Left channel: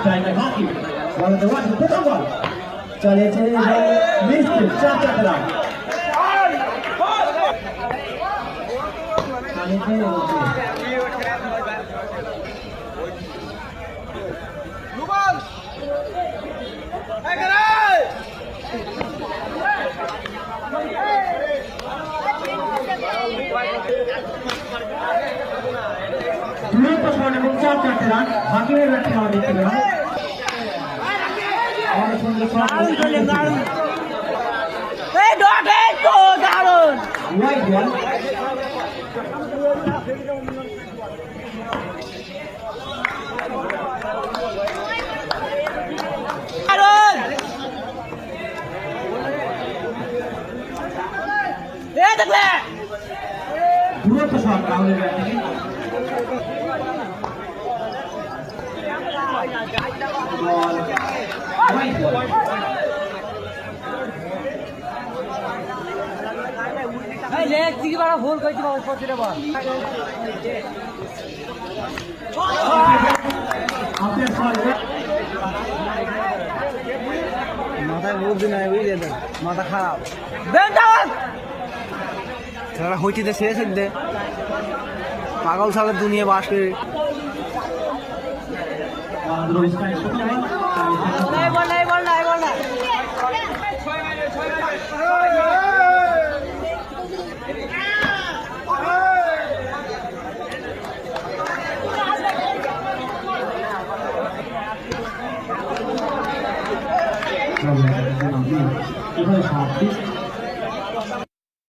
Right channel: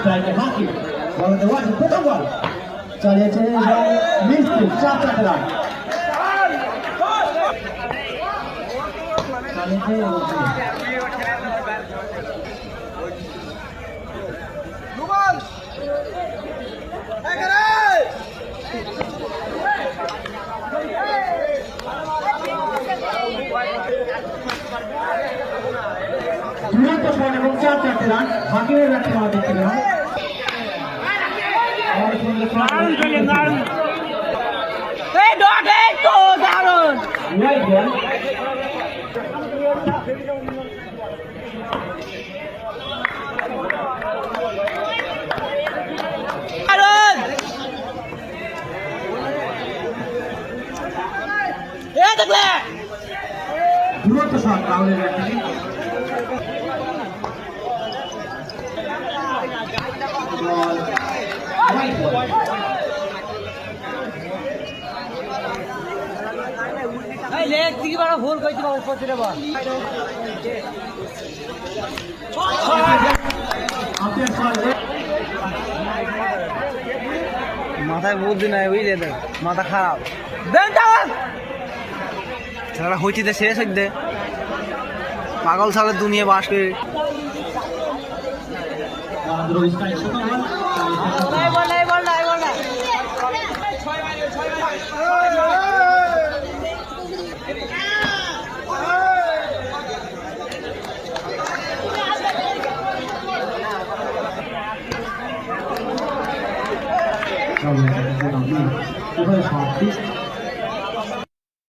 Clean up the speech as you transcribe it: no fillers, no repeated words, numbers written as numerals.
Striker Maki. Ball the one to put on ball. Chale chale missed it. Shot at the line. Chale chale. Dua perform এবং 4 রান বাকি হয়ে যাচ্ছে আমাদের ছিল dua pesawat kamu ball right ball এই লেগ থেকে বড় ভুল কইতে পারো পড়তে বল মাথায় বুদ্ধি নাই বুঝলে দেখ মাথা খারাপ ছেলেরা হইতে শেষ হইতে পাগল সালের দুনিয়া বাস করে